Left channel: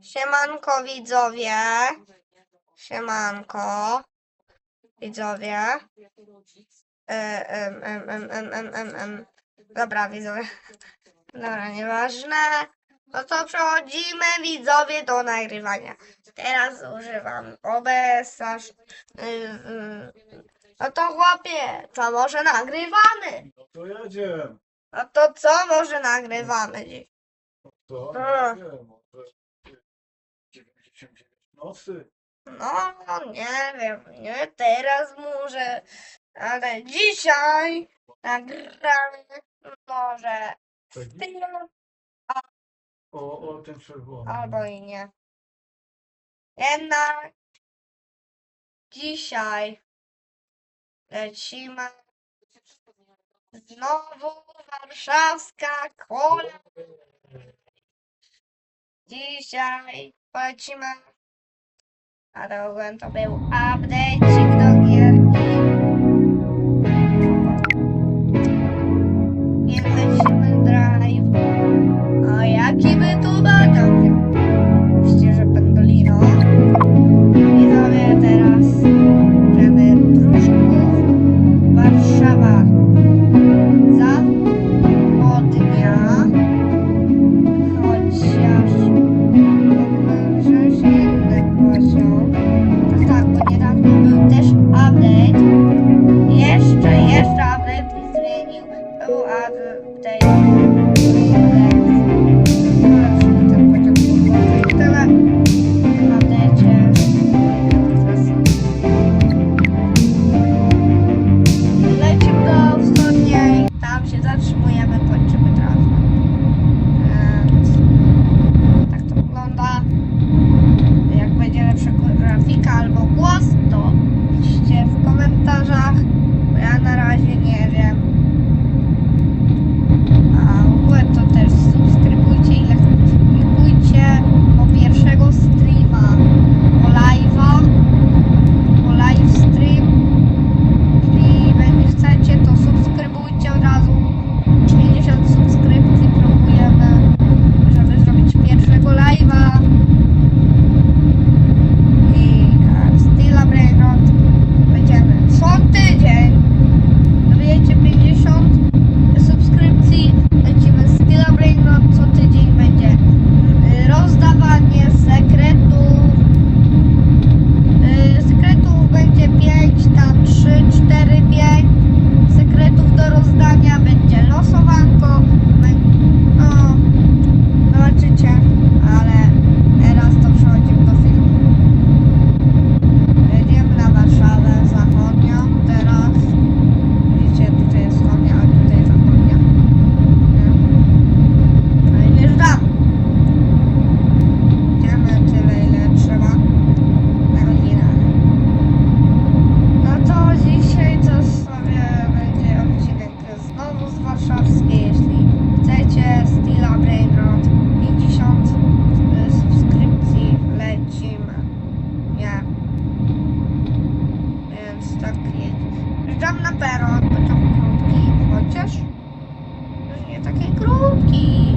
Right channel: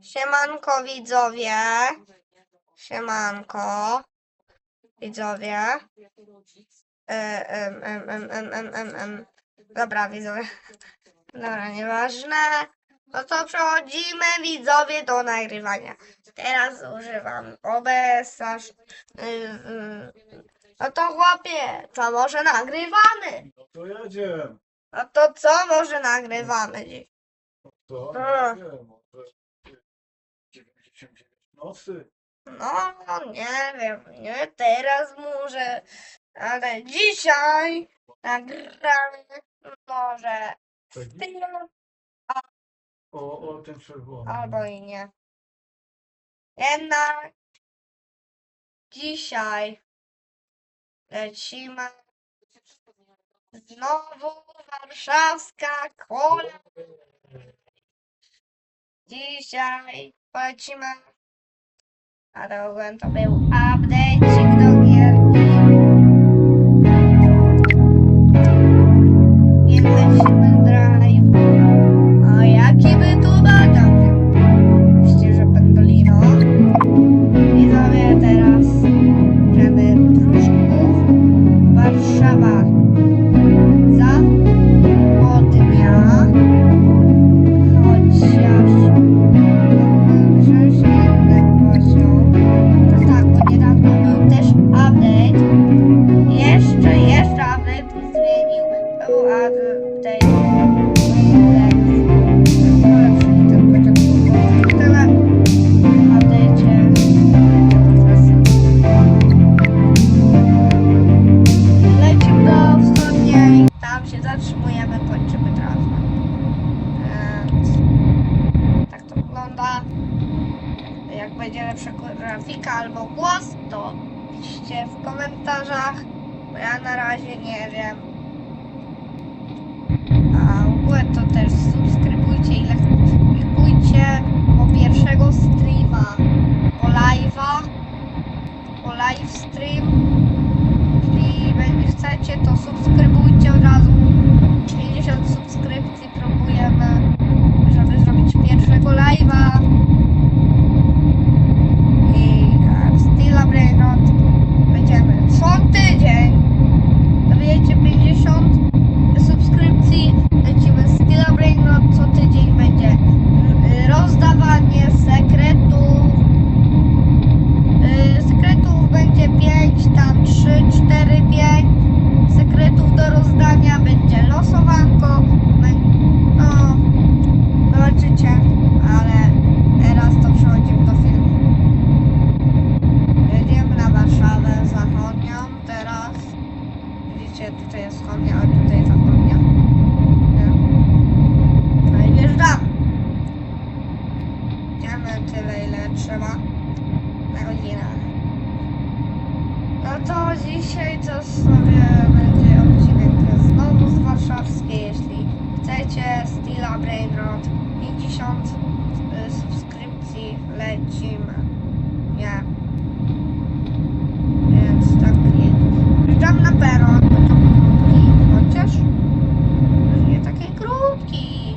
Siemanko widzowie. Siemanko widzowie. E, em, em, em, em. Dobra, widzowie. Dobra, nieważne. No to przechodzimy widzowie do nagrywania. Teraz używam OBS. Aż, yy, yy. No to chłopie, co może nagrywamy? No to jedziemy. No to co może nagrywamy dziś? To, hmm. No, nie wiem, nie teraz może, ale dzisiaj nagramy może tak. film O, o tym czerwonym. albo i nie. Jednak dzisiaj lecimy znowu warszawska kola. Dzisiaj polecimy Hello, então, to update. zamknie. Wjeżdżam na peron, pociąg krótki. Chociaż... Już nie taki krótki.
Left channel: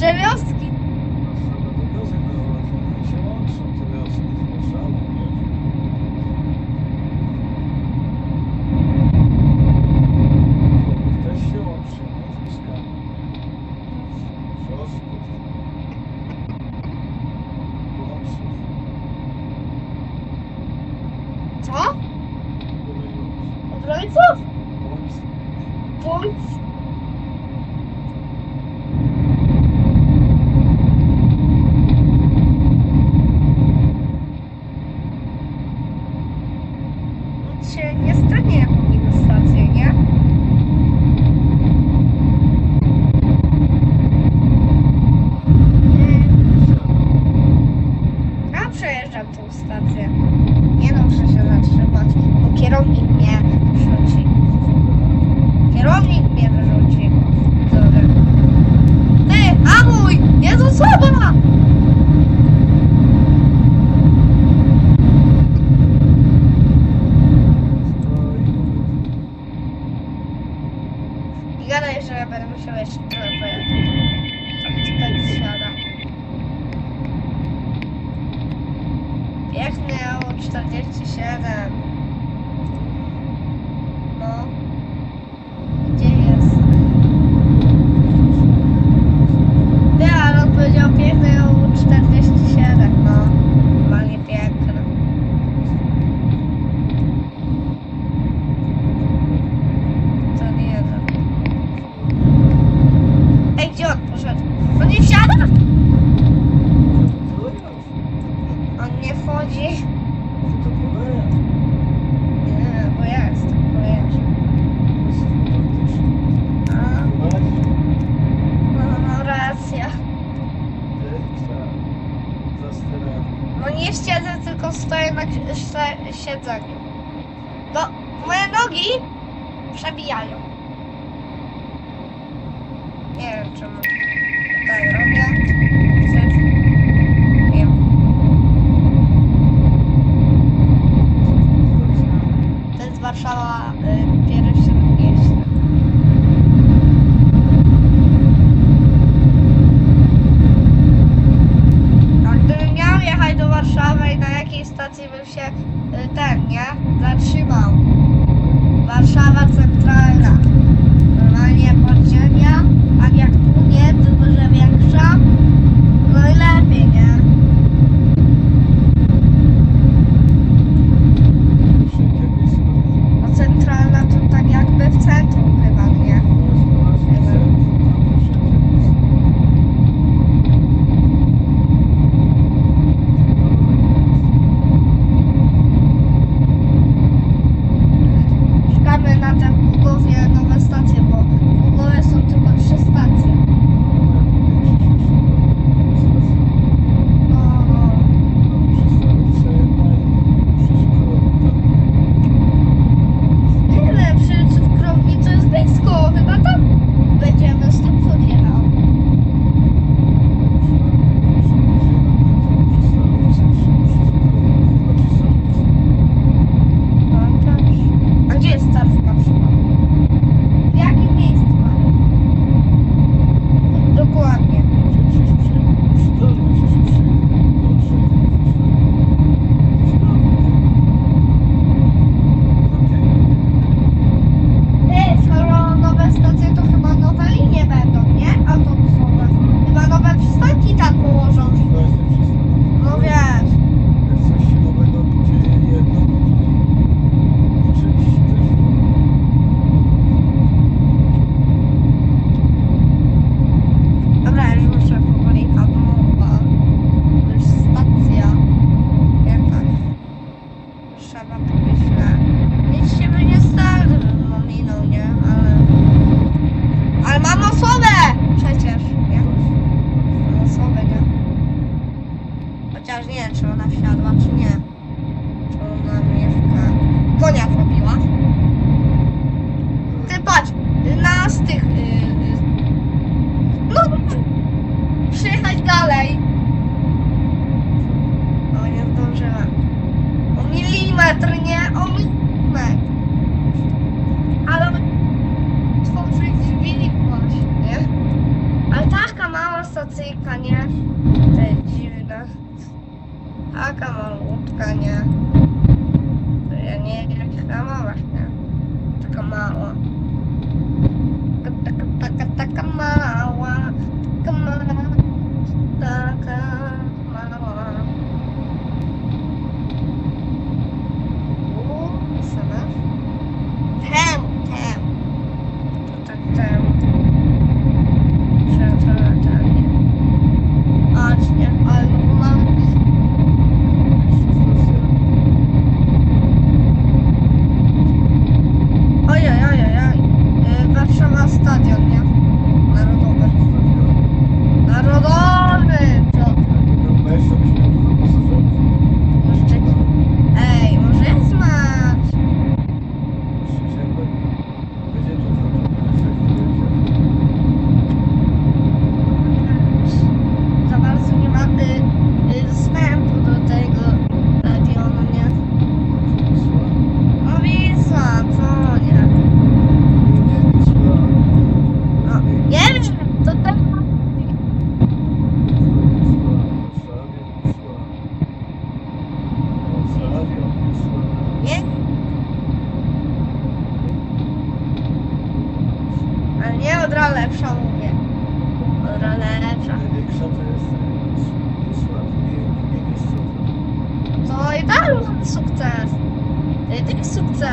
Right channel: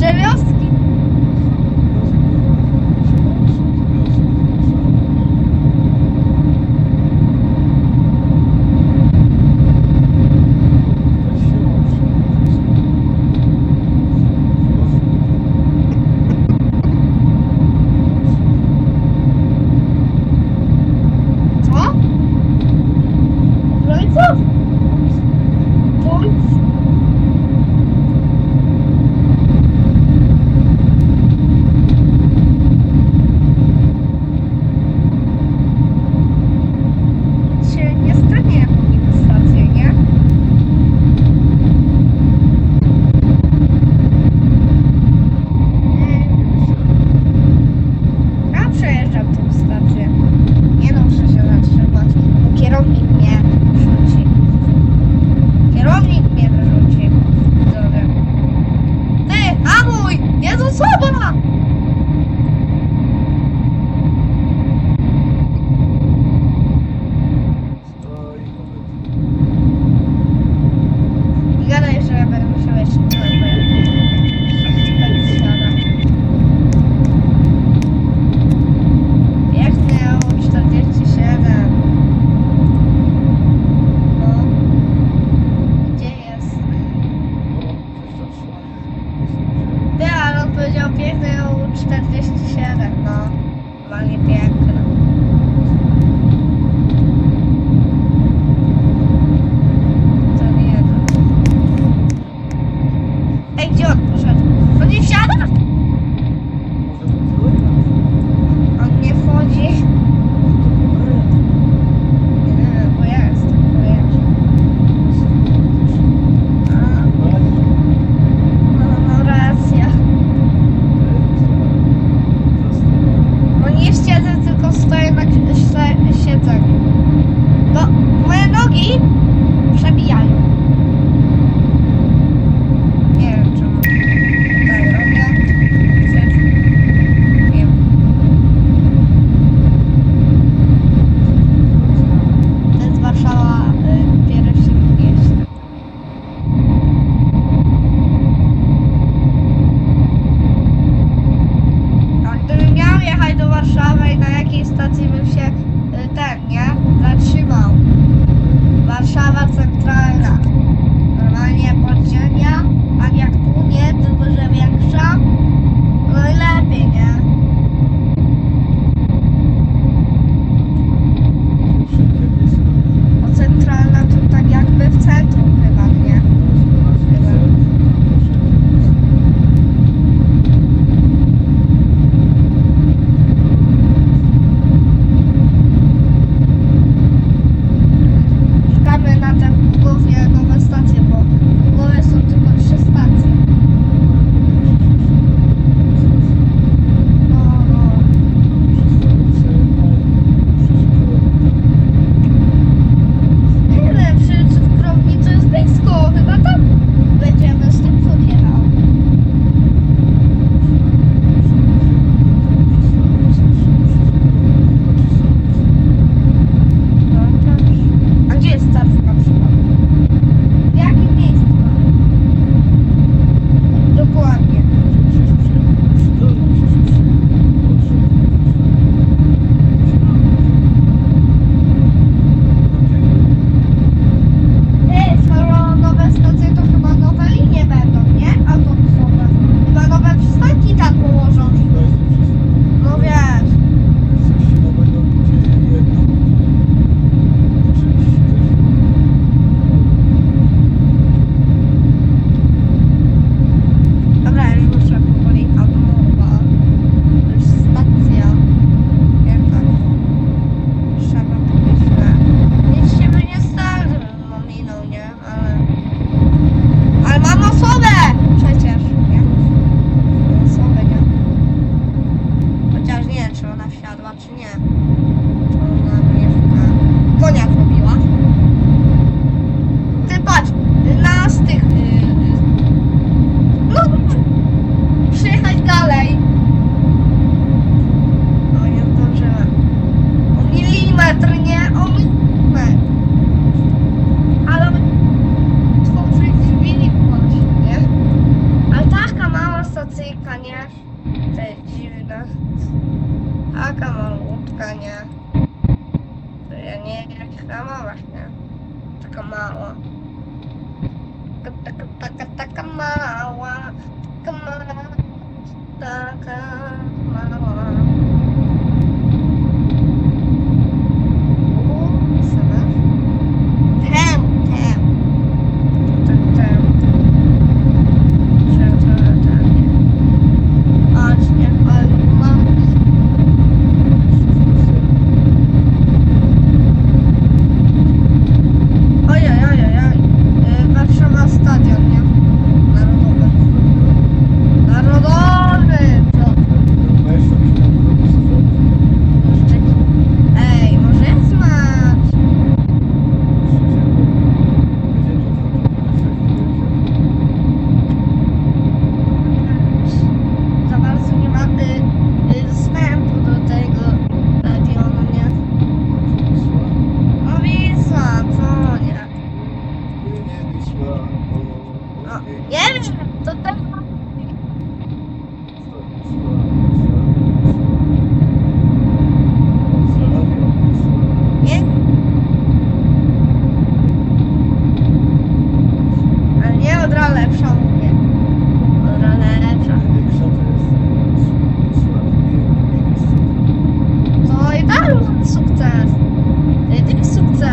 Jeszcze much. To nie wsiada? On nie wchodzi. Nie, bo jest. A, no, no, no, racja. No nie siedzę, tylko stoję na siedzeniu. No, moje nogi przebijają. Nie wiem czemu.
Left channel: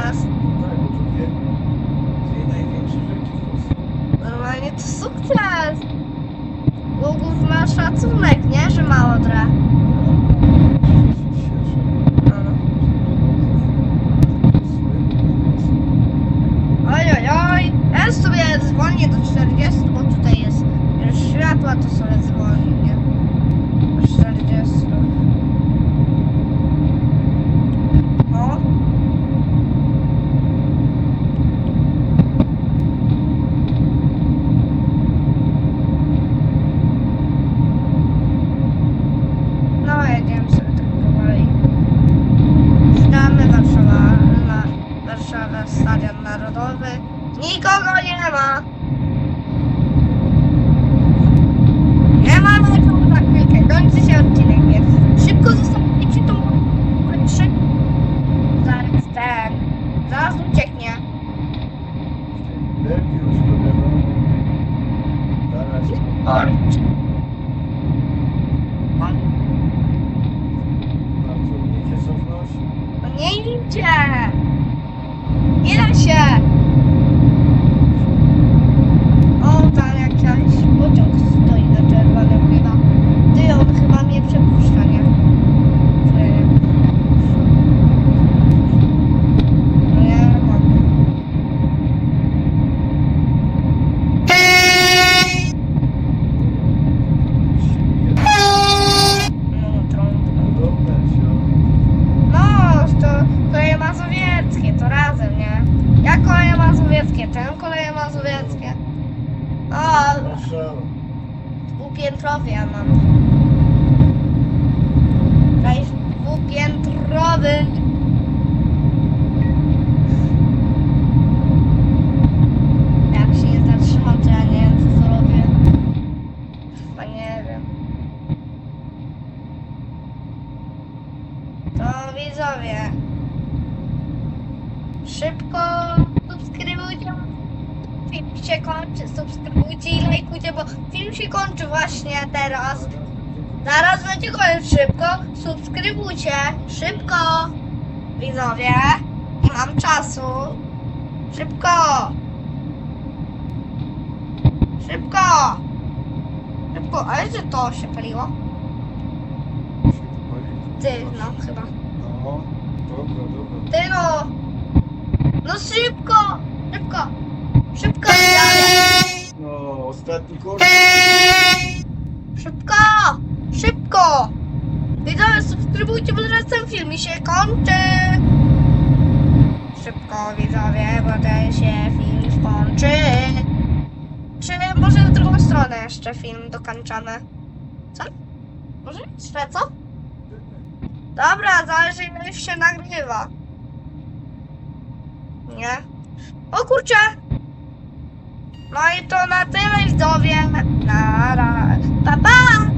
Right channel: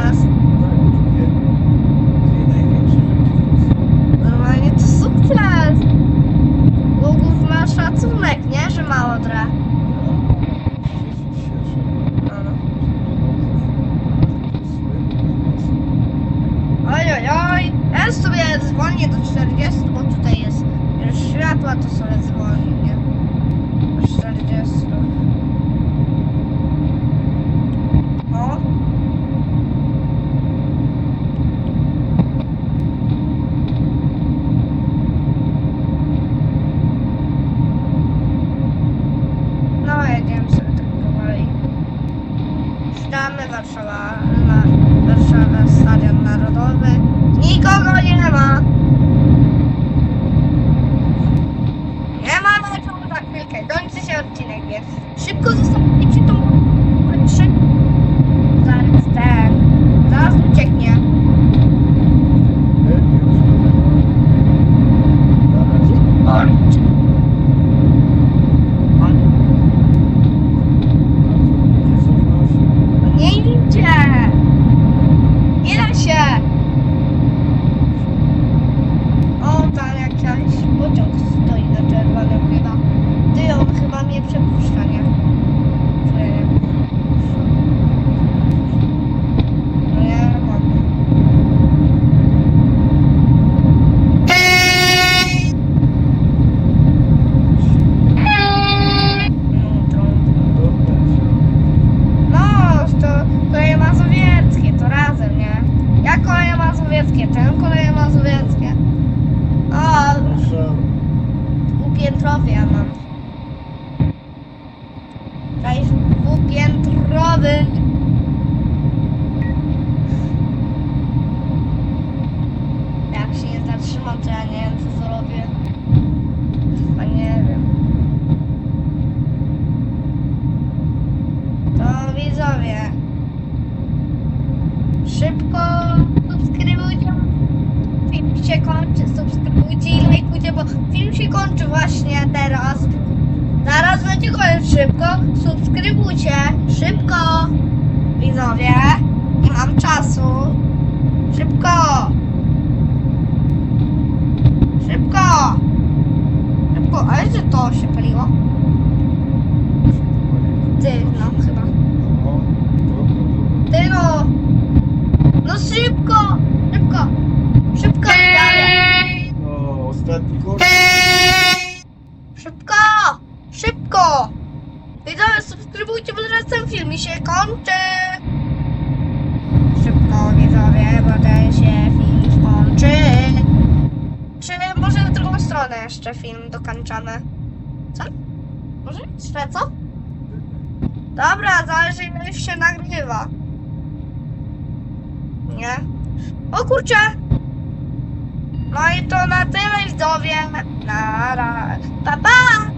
Tak sukces. Tak, bo to dwie, dwie największe rzeczy w Polsce. Normalnie to sukces. Bogów ma szacunek, nie? Że ma odra. Się cieszę. No. Oj, oj, oj. Ja sobie zwolnię do 40, bo tutaj jest już światła, to sobie zwolnię. Do 40. O. No, jedziemy sobie tak powoli. Znamy Warszawa, na Warszawę, Stadion Narodowy. Nikogo nie ma! Nie ma meczu za chwilkę, kończy się odcinek, więc szybko zostawcie tą trzy. Zaraz ten, zaraz ucieknie. Belgii już to wiadomo. Zaraz. Bardzo mnie cię cofnąć. No nie idzie! Nie da się! O, tam jakiś pociąg stoi na czerwonym chyba. Ty, on chyba mnie przepuszcza, nie? Czy... No nie mam. No, trąbno. Podobne się. No, to koleje mazowieckie, to razem, nie? Ja koleje mazowieckie, ten koleje mazowieckie. O, Warszawa. dwupiętrowy ja mam. Dwupiętrowy. Jak się nie zatrzymam, to ja nie wiem, co zrobię. Chyba nie wiem. To widzowie. Szybko subskrybujcie. Film się kończy. Subskrybujcie i lajkujcie, bo film się kończy właśnie teraz. Zaraz będzie koniec. Szybko subskrybujcie. Szybko. Widzowie. Nie mam czasu. Szybko. Szybko. Szybko. Ale że to się paliło? Ty, no chyba. No, dobra, dobra. Ty no! No szybko! Szybko! Szybko! dalej. No, ostatni kurs. Szybko! Szybko! Widzowie, subskrybujcie, bo zaraz ten film mi się kończy! Szybko, widzowie, bo ten się film skończy! Czy może w drugą stronę jeszcze film dokończamy? Co? Może jeszcze co? Dobra, zależy ile już się nagrywa. Nie? O kurczę! No i to na tyle widzowie. Nara. Pa pa!